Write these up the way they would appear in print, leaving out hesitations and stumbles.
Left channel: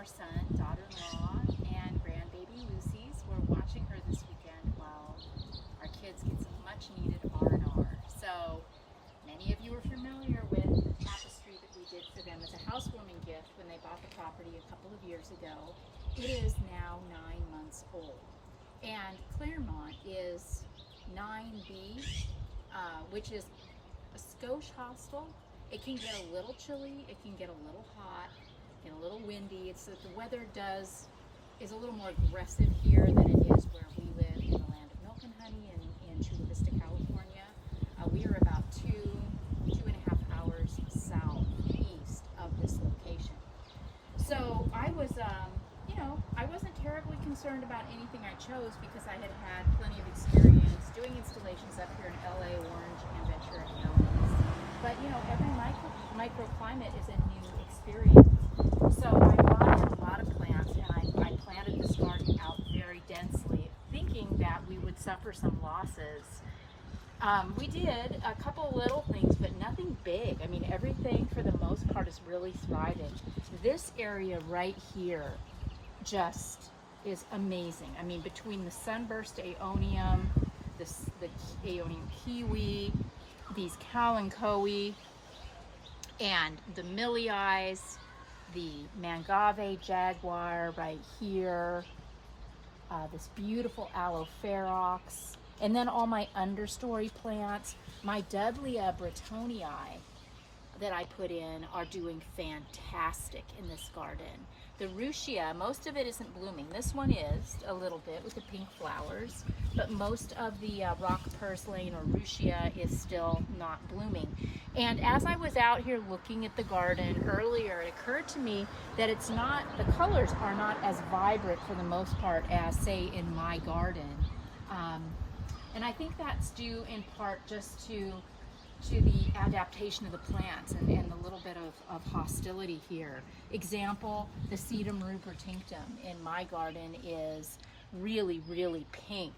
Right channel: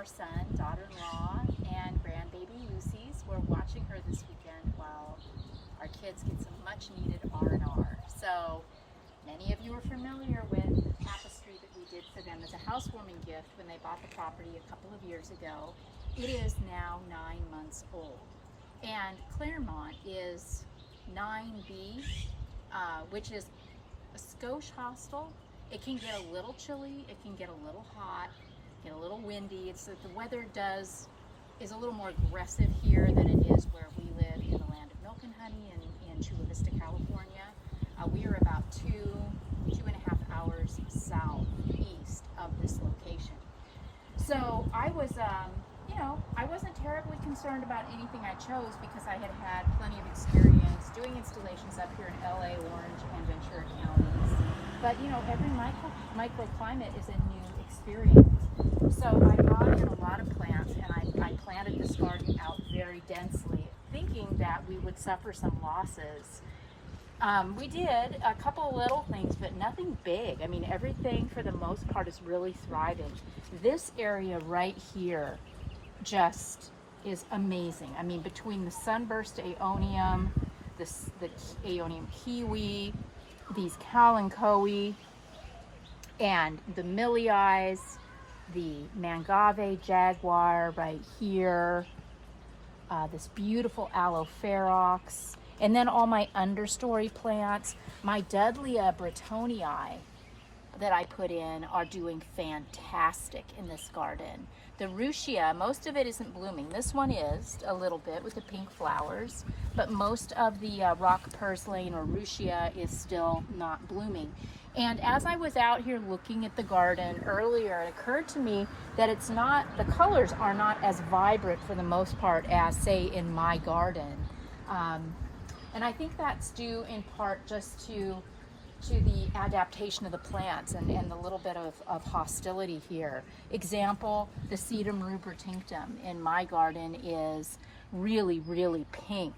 our son, daughter-in-law, and grandbaby Lucy's. We're watching her this weekend while our kids get some much-needed R&R. So many of you are familiar with the tapestry that we did for them as a housewarming gift when they bought the property a couple of years ago. It is now 9 months old. And Claremont is 9B, which is a skosh hostel. It can get a little chilly, it can get a little hot, get a little windy. It's that the weather is a little more aggressive here than it is where we live in the land of milk and honey in Chula Vista, California. We are about two and a half hours southeast of this location. So I was, I wasn't terribly concerned about anything I chose because I had had plenty of experience doing installations up here in LA, Orange, and Ventura counties. But every microclimate is a new experience. So I brought in a lot of plants and I planted this garden out very densely, thinking that we would suffer some losses. We did a couple little things, but nothing big. I mean, everything for the most part is really thriving. This area right here just is amazing. I mean, between the sunburst aeonium, the aeonium kiwi, these kalanchoe, and the millii, the mangave jaguar right here, this beautiful aloe ferox, and then all my understory plants. My Dudleya bretonii that I put in are doing fantastic in this garden. The Ruchia, most of it isn't blooming. This one is a little bit with the pink flowers, but most of the rock purslane or Ruchia is still not blooming. And as I was out here looking at the garden earlier, it occurred to me that the colors are not as vibrant for the most part as, say, in my garden. And I think that's due in part just to the adaptation of the plants and the little bit of hostility here. Example, the Sedum rubertinctum in my garden is really, really pink.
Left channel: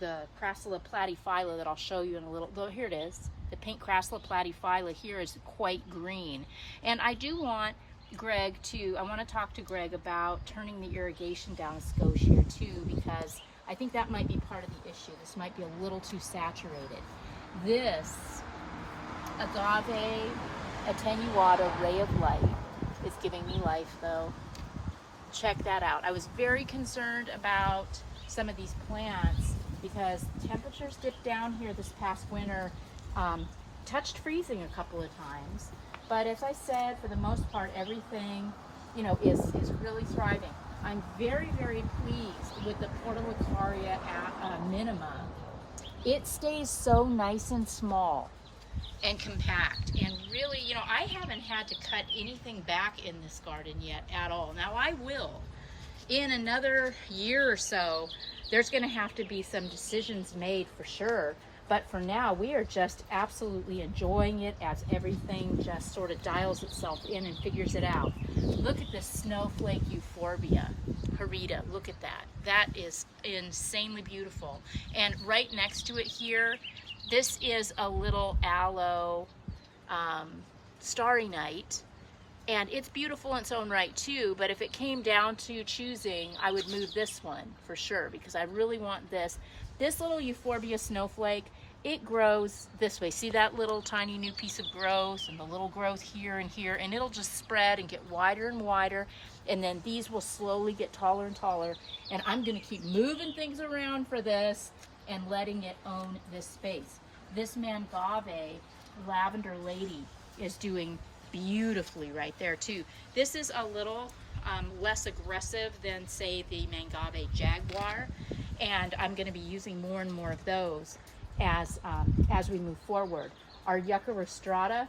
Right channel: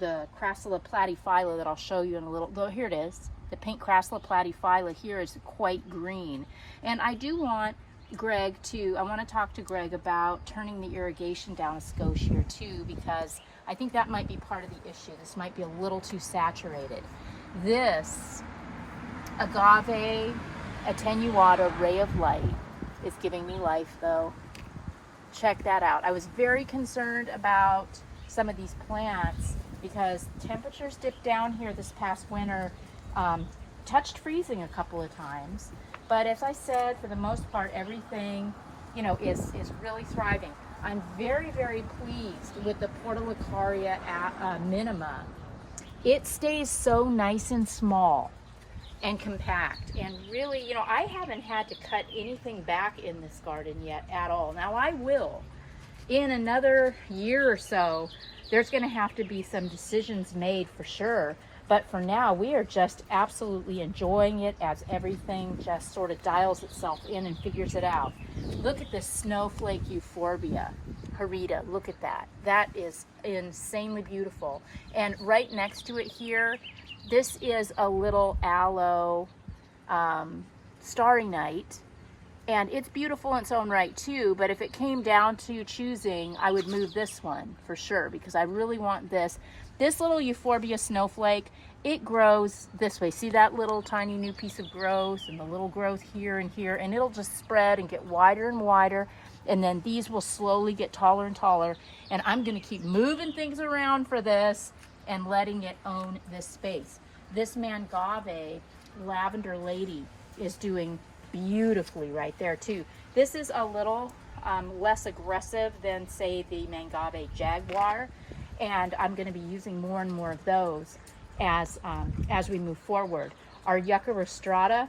The Crassula platyphylla that I'll show you in a little, here it is. The pink Crassula platyphylla here is quite green. And I do want I want to talk to Greg about turning the irrigation down a skosh here too, because I think that might be part of the issue. This might be a little too saturated. This agave attenuata ray of light is giving me life though. Check that out. I was very concerned about some of these plants because temperatures dipped down here this past winter, touched freezing a couple of times. But as I said, for the most part, everything, is really thriving. I'm very, very pleased with the Portulacaria minima. It stays so nice and small and compact, and really, I haven't had to cut anything back in this garden yet at all. Now I will. In another year or so, there's going to have to be some decisions made for sure. But for now, we are just absolutely enjoying it as everything just sort of dials itself in and figures it out. Look at this snowflake euphorbia, Harita. Look at that. That is insanely beautiful. And right next to it here, this is a little aloe starry night. And it's beautiful in its own right too, but if it came down to choosing, I would move this one for sure, because I really want this. This little euphorbia snowflake, it grows this way. See that little tiny new piece of growth and the little growth here and here, and it'll just spread and get wider and wider, and then these will slowly get taller and taller, and I'm gonna keep moving things around for this and letting it own this space. This mangave lavender lady is doing beautifully right there too. This is a little less aggressive than, say, the mangave jaguar, and I'm going to be using more and more of those as we move forward. Our Yucca rostrata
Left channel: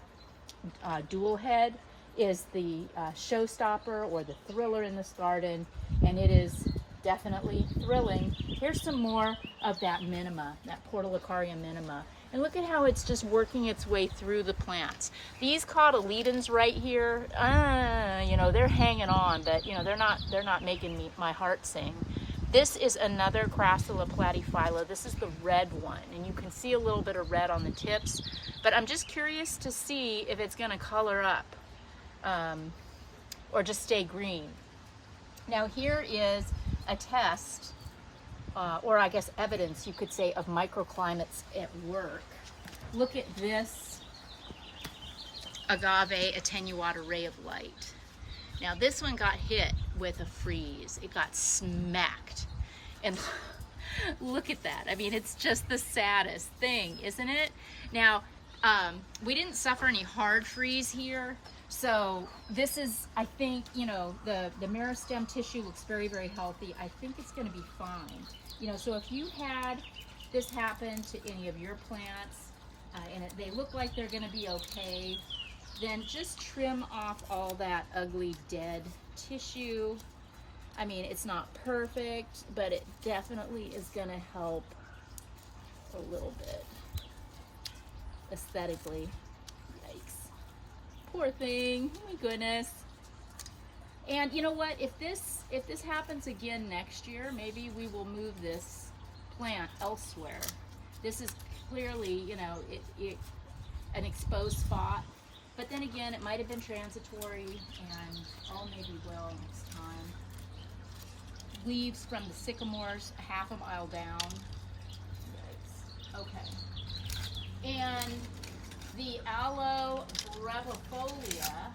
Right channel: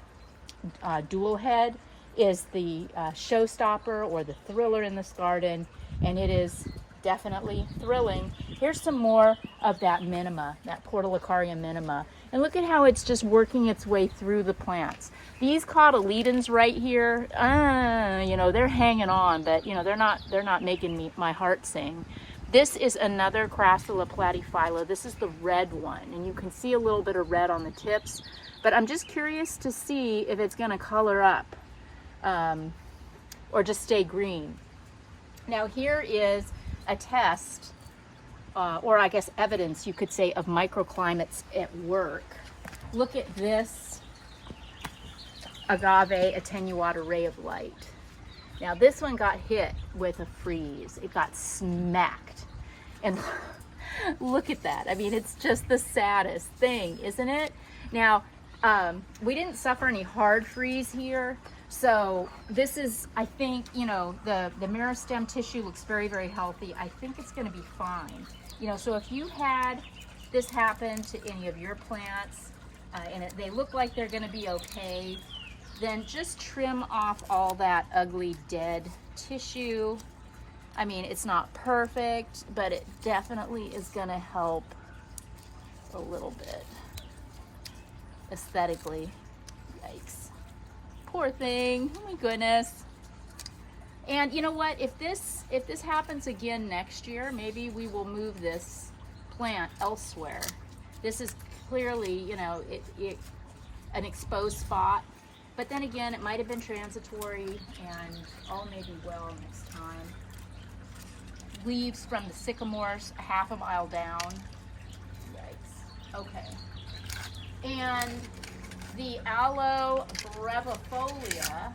dual head is the showstopper or the thriller in this garden, and it is definitely thrilling. Here's some more of that minima, that Portulacaria minima. And look at how it's just working its way through the plants. These cotyledons right here, they're hanging on, but they're not making my heart sing. This is another Crassula platyphylla. This is the red one, and you can see a little bit of red on the tips, but I'm just curious to see if it's gonna color up. or just stay green. Now here is a test, or I guess evidence you could say, of microclimates at work. Look at this agave attenuata ray of light. Now this one got hit with a freeze. It got smacked. And look at that. I mean, it's just the saddest thing, isn't it? Now, we didn't suffer any hard freeze here. So this is, I think, you know, the meristem tissue looks very, very healthy. I think it's going to be fine. You know, so if you had this happen to any of your plants, and they look like they're going to be okay, then just trim off all that ugly dead tissue. I mean, it's not perfect, but it definitely is going to help a little bit aesthetically. Yikes. Poor thing. Oh my goodness. And you know what? If this happens again next year, maybe we will move this plant elsewhere. This is clearly, you know, an exposed spot. But then again, it might have been transitory, and all may be well next time. Leaves from the sycamores, half a mile down. Yikes. Okay. And the Aloe Brevifolia,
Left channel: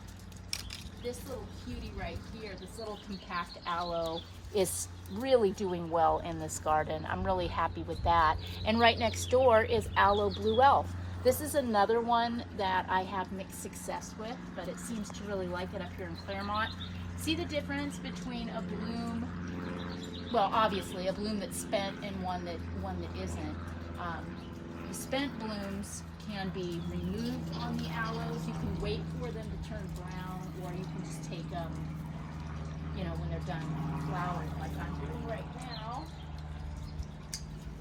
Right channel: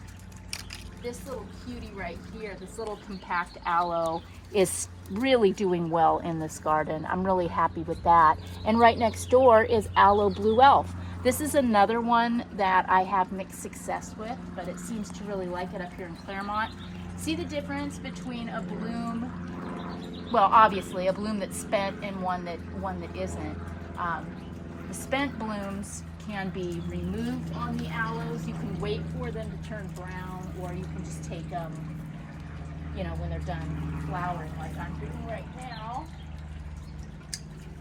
this little cutie right here, this little compact aloe, is really doing well in this garden. I'm really happy with that. And right next door is Aloe Blue Elf. This is another one that I have mixed success with, but it seems to really like it up here in Claremont. See the difference between a bloom, well, obviously a bloom that's spent and one that isn't. The spent blooms can be removed on the aloes. You can wait for them to turn brown, or you can just take them, you know, when they're done flowering, like I'm doing right now.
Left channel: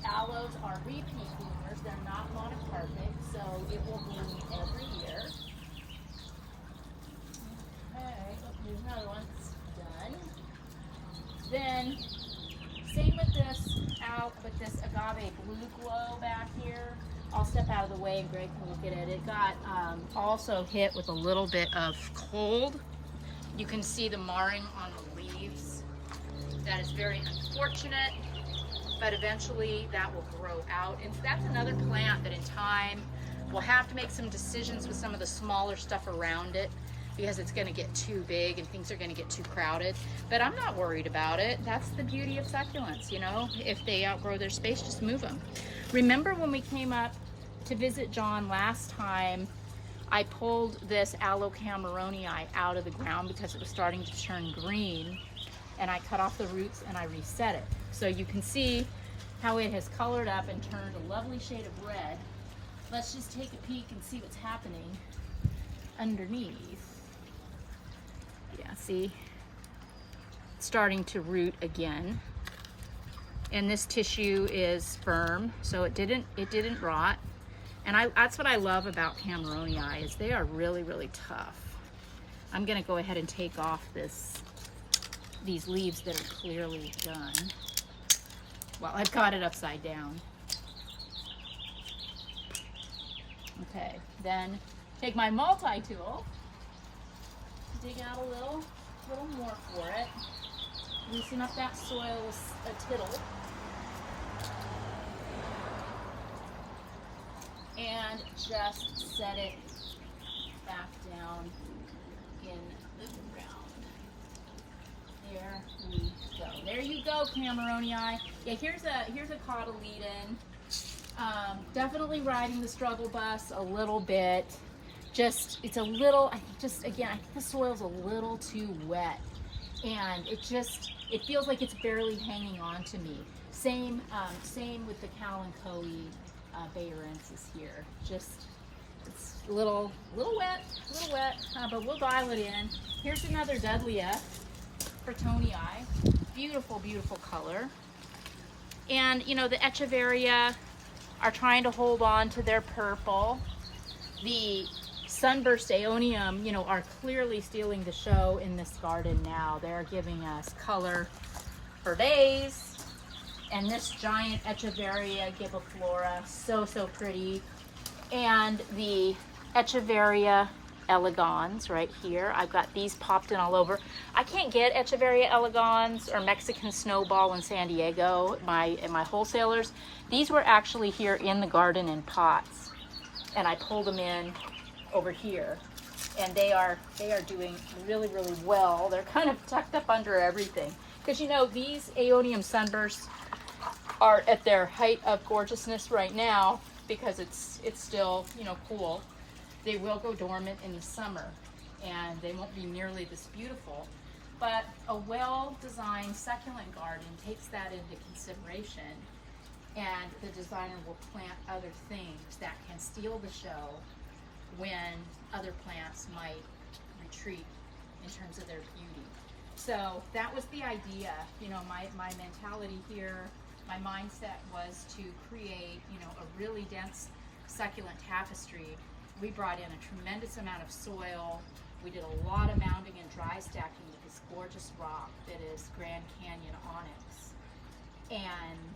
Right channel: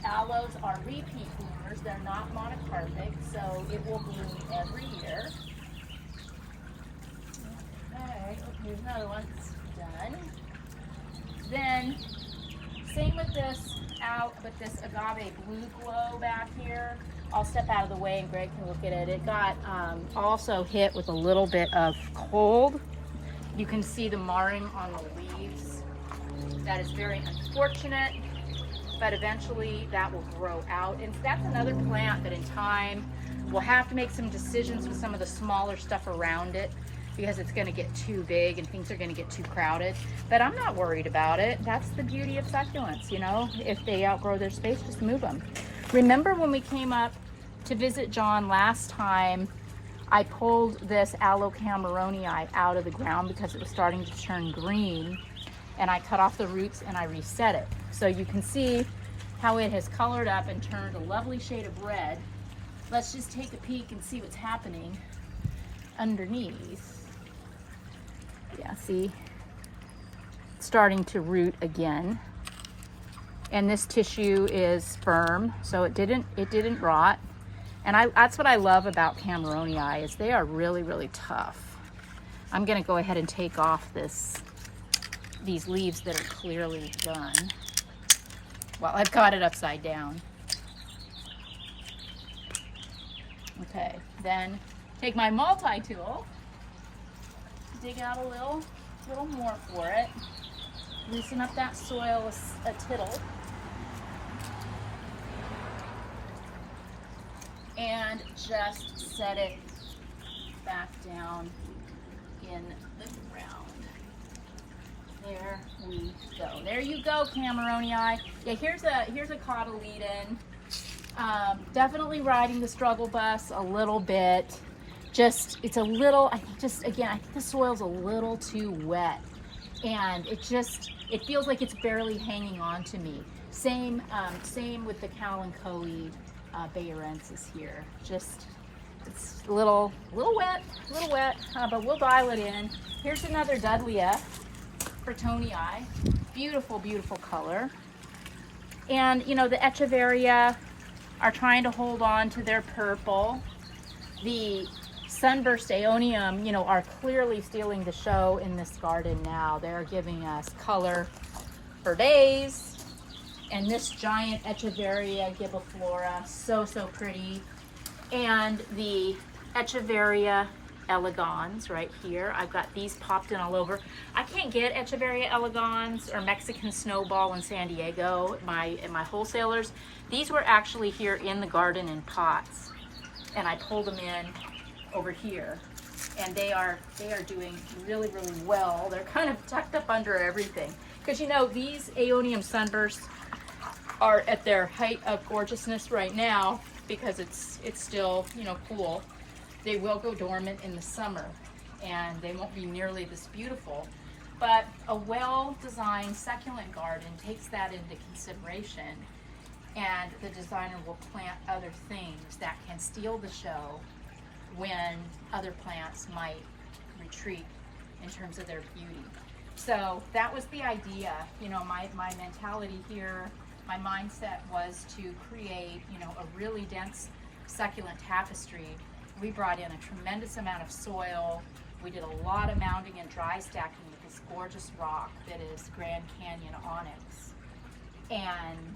Aloes are repeat bloomers. They're not monocarpic, so it will bloom every year. Okay, oh, here's another one. It's done. Then, same with this agave blue glow back here. I'll step out of the way and Greg can look at it. It got also hit with a little bit of cold. You can see the marring on the leaves. That is very unfortunate, but eventually that will grow out. And that's another plant that in time we'll have to make some decisions with some of the smaller stuff around it, because it's going to get too big and things are going to get too crowded. But I'm not worried about it. That's the beauty of succulents, you know. If they outgrow their space, just move them. Remember when we came up to visit John last time, I pulled this Aloe Cameronii out of the ground because it was starting to turn green, and I cut off the roots and I reset it. So you can see how it has colored up and turned a lovely shade of red. Let's just take a peek and see what's happening underneath. Yeah, see, it's starting to root again. And this tissue is firm, so it didn't rot. And that's what I love about Cameronii, is they are really, really tough. I'm gonna go ahead and take off these leaves that are clearly done. Well, I've got it upside down. Okay, then take my multi-tool, dig out a little more for it, loosen up that soil a tittle, and just set it back down in the ground. There we go. There you go, Cameronii. Yeah, here's a cotyledon. Definitely riding the struggle bus a little bit. It's a little, I think the soil's a little too wet, and it feels like it's barely hanging on to me. Same with the Kalanchoe Bayerensis here. Just, it's a little wet, but we'll dial it in. Here's another Dudleya Frettonii. Beautiful, beautiful color. And you know, the Echeveria are trying to hold on to their purple. The Sunburst Aeonium, you know, are clearly stealing the show in this garden now. They're giving us color for days. And this giant Echeveria gibiflora, so pretty. And the Echeveria Elegans right here. I've got these popped in all over. I can't get Echeveria Elegans or Mexican Snowball in San Diego at my wholesalers. These were actually here in the garden in pots, and I pulled them in over here, and they are doing really, really well. They're kind of tucked up under everything, because you know these Aeonium sunbursts are at their height of gorgeousness right now because it's still, you know, cool. They will go dormant in the summer and they won't be nearly this beautiful. But a well-designed succulent garden takes that into consideration, and the designer will plant other things that can steal the show when other plants might retreat in terms of their beauty. So that was the idea. You know, my mentality here, my mindset was to create, you know, a really dense succulent tapestry. We brought in a tremendous amount of soil. We did a lot of mounding and dry stacking with this gorgeous rock that is Grand Canyon onyx. And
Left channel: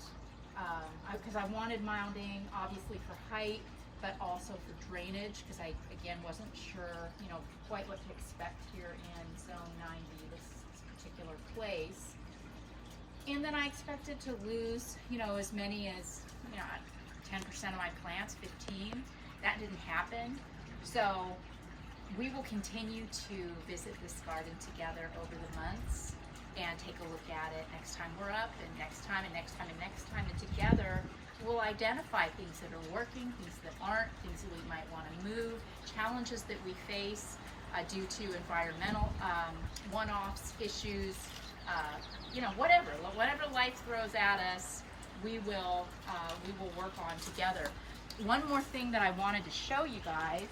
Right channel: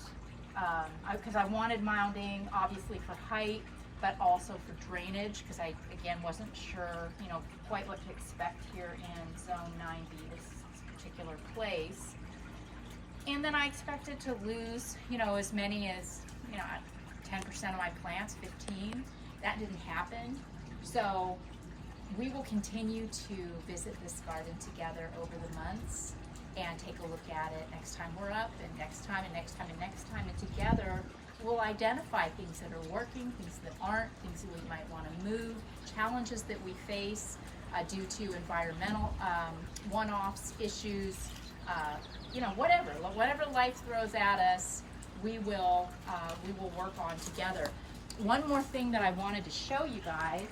because I wanted mounding, obviously for height, but also for drainage, because I, again, wasn't sure, you know, quite what to expect here in Zone 9B, this particular place. And then I expected to lose, you know, as many as, you know, 10% of my plants, 15. That didn't happen. So we will continue to visit this garden together over the months and take a look at it next time we're up, and next time, and next time, and next time. And together we'll identify things that are working, things that aren't, things that we might want to move, challenges that we face due to environmental one-offs, issues, you know, whatever life throws at us, we will work on together. One more thing that I wanted to show you guys.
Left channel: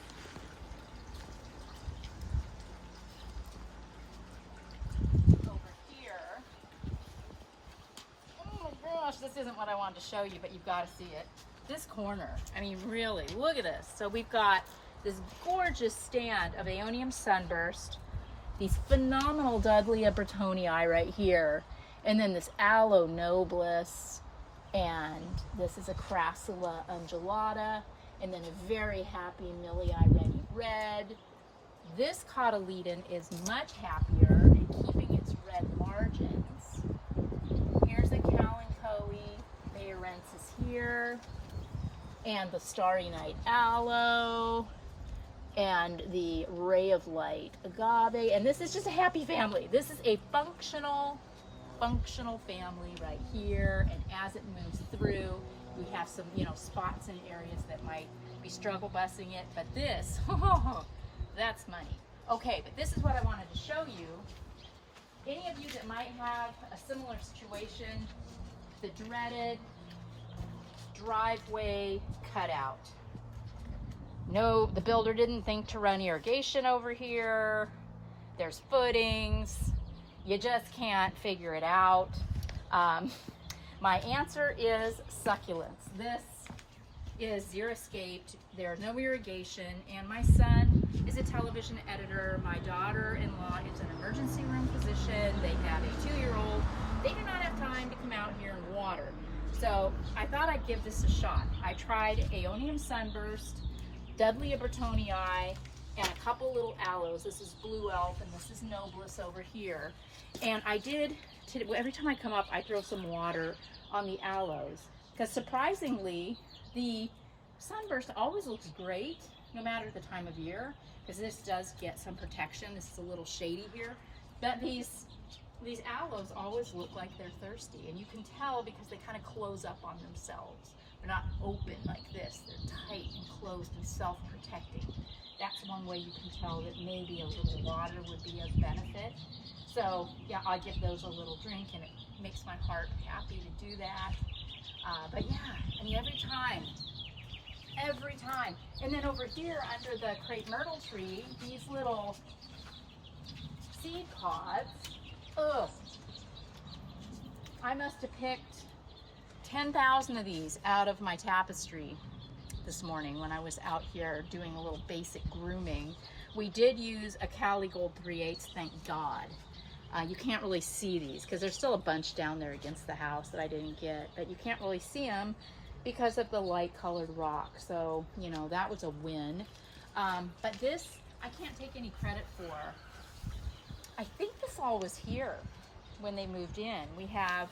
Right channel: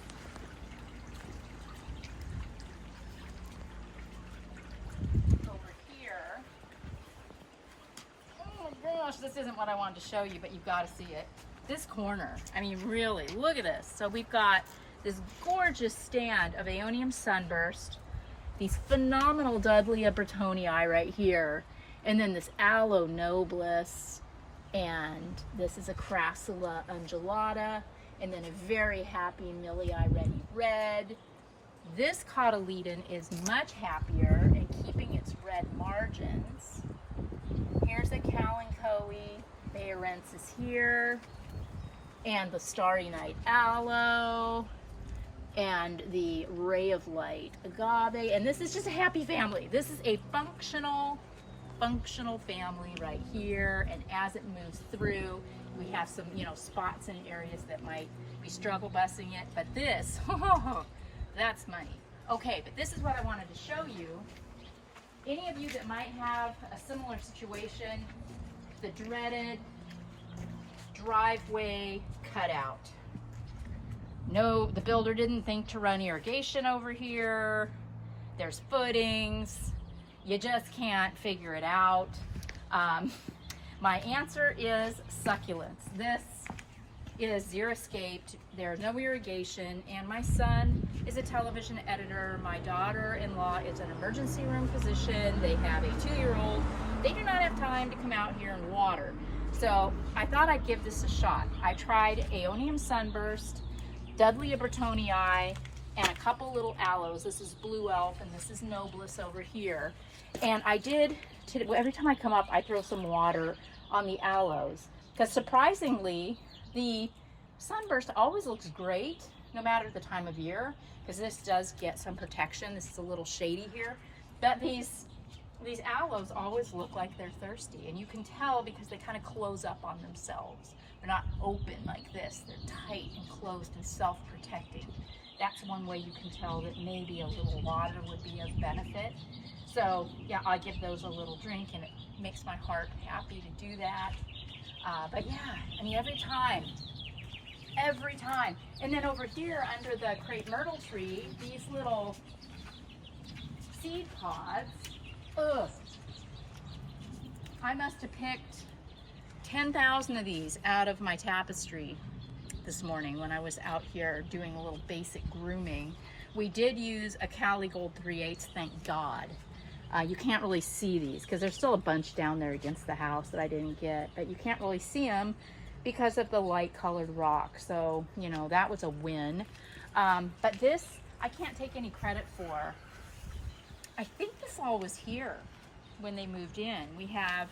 Over here. Oh my gosh, this isn't what I wanted to show you, but you've got to see it. This corner, I mean, really, look at this. So we've got this gorgeous stand of Aeonium sunburst, these phenomenal Dudleya Bretonii right here, and then this Aloe nobilis, and this is a Crassula undulata, and then a very happy Millii Ready Red. This cotyledon is much happier in keeping its red margins. Here's a Kalanchoe Bayorensis here, and the Starry Night Aloe, and the Ray of Light Agave, and this is just a happy family. This is a functional family right here, and as it moves through, we have some, you know, spots and areas that might be struggle busing it, but this, oh, that's money. Okay, but this is what I wanted to show you. Any of you that might have a similar situation, the dreaded driveway cutout. No, the builder didn't think to run irrigation over here. There's footings. You just can't figure it out. My answer is succulents. This is xeriscaped. There's no irrigation, and my son is a television editor. My daughter-in-law is an emergency room physician. They have a 2-year-old. They do not have time to come out here and water. So I thought I'd give this a shot. I tried Aeonium sunburst, Dudleya Bretonii, and a couple little aloes. This is Blue Elf, and this is Nobilis over here. And I did, every time I come up, I throw some water on the aloes, because surprisingly, the sunburst always looks great, no matter the time of year, because this does get some protection. This is a little shady here, but these aloes always look like they're thirsty, and you can tell because they kind of close up on themselves. They're not open like this. They're tight and closed and self-protecting. That's one way you can tell that maybe a little water would be of benefit. So yeah, I give those a little drink, and it makes my heart happy to do that. But yeah, I mean, every time. And then over here under the crepe myrtle tree, these little seed pods, ugh. I must have picked 10,000 of these out of my tapestry this morning when I was out here doing a little basic grooming. We did use a Cali Gold 3/8, thank God. You can't really see these because there's still a bunch down there against the house that I didn't get, but you can't really see them because of the light colored rock. So, you know, that was a win. But this, I can't take any credit for. I think this all was here when they moved in. We have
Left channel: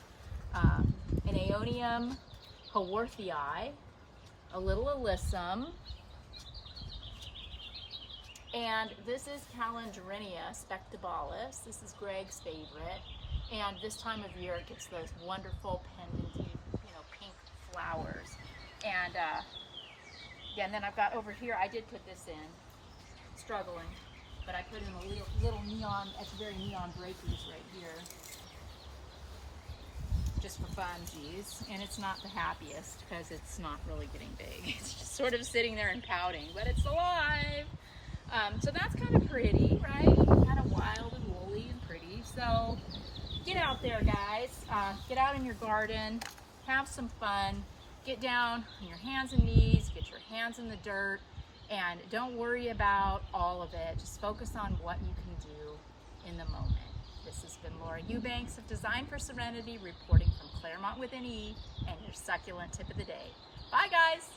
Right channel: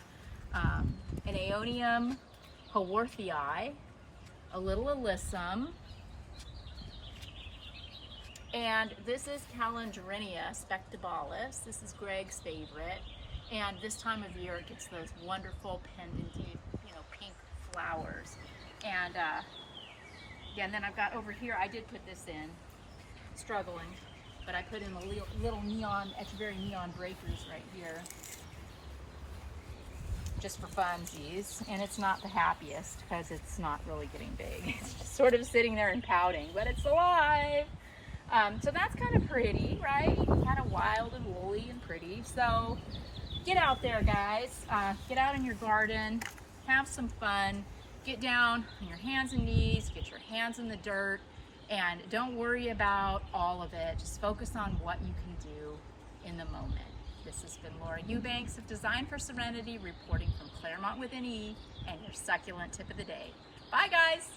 an Aeonium haworthii, a little alyssum, and this is Calendrinia spectabalis. This is Greg's favorite. And this time of year it gets those wonderful pendanty, pink flowers. And yeah, and then I've got over here, I did put this in, struggling, but I put in a little neon, Echeveria neon breakers right here, just for funsies. And it's not the happiest because it's not really getting big. It's just sort of sitting there and pouting, but it's alive. So that's kind of pretty, right? Kind of wild and woolly and pretty. So get out there, guys. Get out in your garden, have some fun, get down on your hands and knees, get your hands in the dirt, and don't worry about all of it. Just focus on what you can do in the moment. This has been Laura Eubanks of Design for Serenity, reporting from Claremont with an E, and your succulent tip of the day. Bye, guys.